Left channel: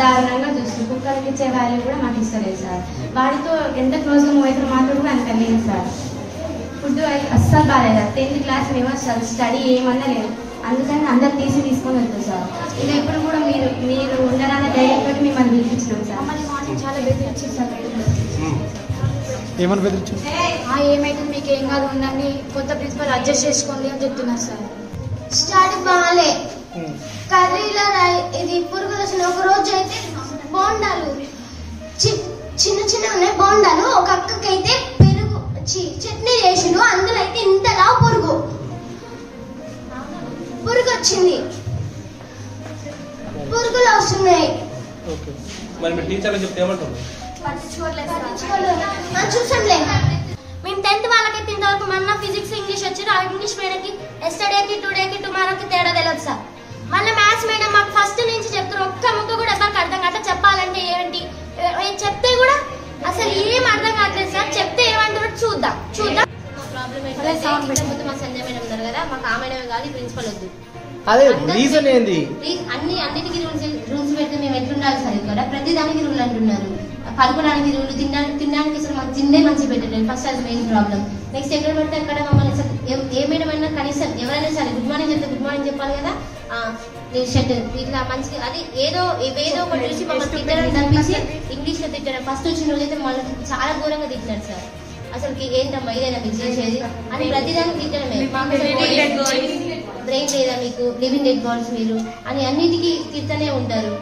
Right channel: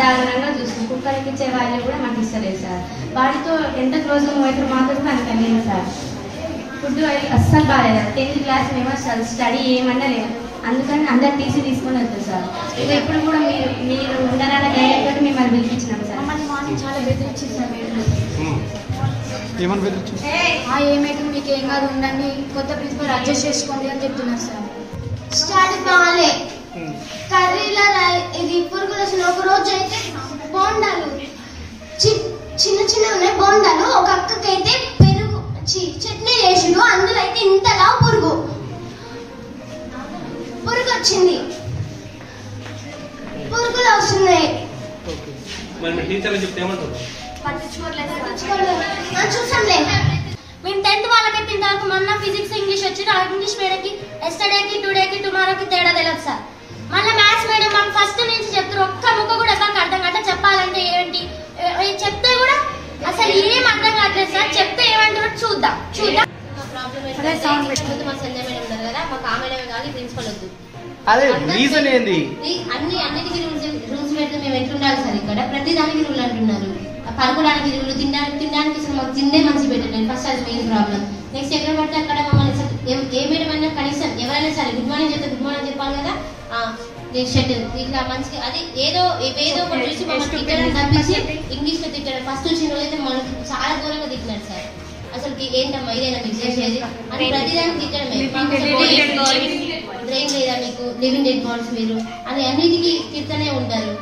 దారుణంగా చూస్తుంది. కుక్కలకి ఇచ్చే వాళ్ళు కూడా మాకు ఇస్తలేదు సార్. వాడితో ఎంత క్లోజ్గా మూవ్ అయితే మాకు కూడా అంత లేదు సార్. ఫుడ్ అస్సలు బాగాలేదు. 10th క్లాస్ మేము అసలు స్టడీ ఏమన్నా లేదు. అందుకని అందరు టీసీ తీసుకొని వెళ్తాం సార్. ఇవి ఎప్పుడు కూడా మీరు ఉండరాన్న ధైర్యం తోటి మిమ్మల్ని పిలిపించినాం సార్. మమ్మల్ని మాకు చాలా బెదిరించింది సార్. ఏమైతే మీకు ఏం కాదు ఉండండి, కొత్త ప్రిన్సిపల్ అడ్జస్ట్ చేసుకోండి అని చెప్తున్నారు సార్. స్టడీ బాగాలే, కర్రీలో ఇది పురుగులు వచ్చిన. ఒక రోజు అయితే బోండాలు చిన్న చిన్న ఉన్నాయి బోండాలు. ఒక అక్కకైతే పెరుగు చట్నీ చేసిండు, అందులో అయితే ఇంతలా పురుగు వచ్చింది. పురుగులు వస్తున్నాయి. చూసాంలే. మేము 10th వాళ్ళకైతే ఇంతవరకు మొన్న ఫిజిక్స్ ఇంగ్లీష్ వచ్చింది. ఆ ఇంగ్లీష్ మేడంకి ఎస్టర్డేకి టుడేకి టుమారోకి తేడా తెలియదు సార్. మళ్ళీ మ్యాథ్స్ మేడం మాకు ఫస్ట్ నుంచి చెప్తారు, ఒక్క ముక్క కూడా ఎక్కడ అర్థం కావట్లేదు. చెప్పాలంటే ఏంటి చెప్తే కూడా అసలు ఏం అర్థం కావట్లేదు సార్. చెప్తే ఏమంటారు చూద్దాం. మా ప్రాబ్లం ఏంటంటే మా సంజయ్ మేడం ఉన్నారు కదా, మాకు ఆ మేడమే కాదు ప్రిన్సిపల్ వద్దు. అన్నిటికీ రూల్స్ పెడితే మేము ఎట్లుండాలి సార్? ఇక్కడ ప్రతి దానికి రూల్ అంటున్నారు. పడుకోవడానికి రూల్, తినడానికి అసలు మాకు తిండే మంచి పెట్టండి. ఫస్ట్ అది మెయిన్ ప్రాబ్లం. నెక్స్ట్ ఎక్కడ పడితే అక్కడ మమ్మల్ని ఏ మేడం అన్నా కనీసం ఎవరైనా సరే గుడ్ మార్నింగ్ చెప్తే గుడ్ మార్నింగ్ చెప్పాలి కదా. షర్ట్ ఇట్లా మంచిగా అది ఏదో ఒకటి చూసి మమ్మల్ని తిట్టడం తప్పించి ఇంగ్లీష్ లో తిట్టడం. ఫస్ట్ వచ్చిన రోజైతే మనకి చాలా దూరంగా తిట్టినారు సార్. అసలు ఏంటమ్మా ఇదేనా మీకు చేసేది అని ప్రతిదానికి తిట్టడమే. బ్రెయిన్ లేదా మీకు, లివింగ్ డెడ్ బాడీస్ మీరు అని అన్నిటికీ తిట్టనే ఉంటారు.